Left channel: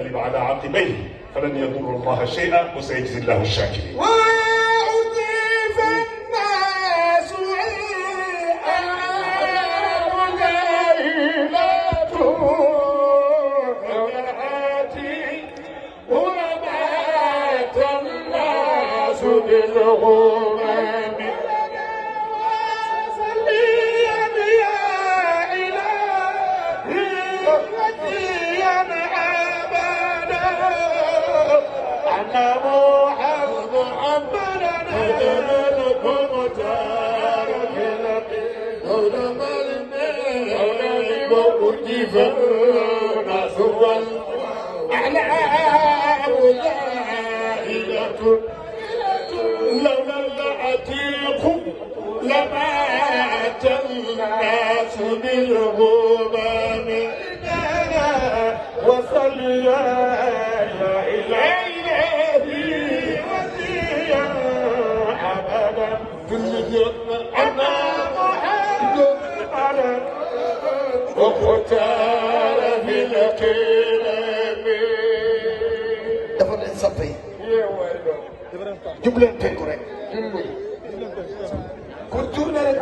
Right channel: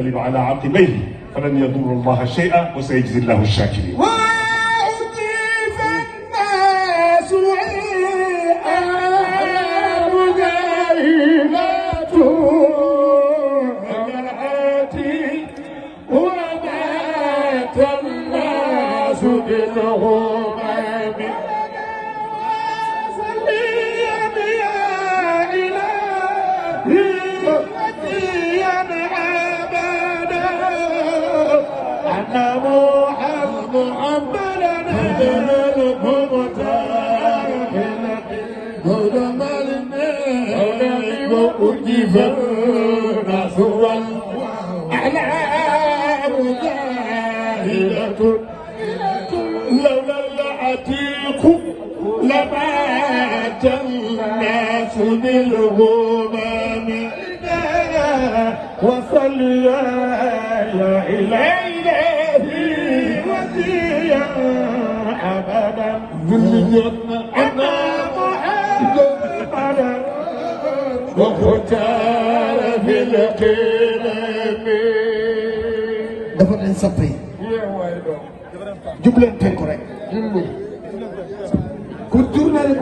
ينقلب على عقبيه فلن يضر الله شيئا وسيجزي الله الشاكرين. وأطيب الناس غيبة ومعاتي ومات الناس بالغمام وصليا يا إلهي وسيا أبدا أن محمدا هدنا المختار هدنا الماء وأرجف الناس والأعلام ظاهرة لنا العتيق لمات الناس بالغمام وصل يا إلهي وسيا أبدا أنا محمدا وختار في الكرام dafa leen soppe jubleen teen ko rek ku tourné rek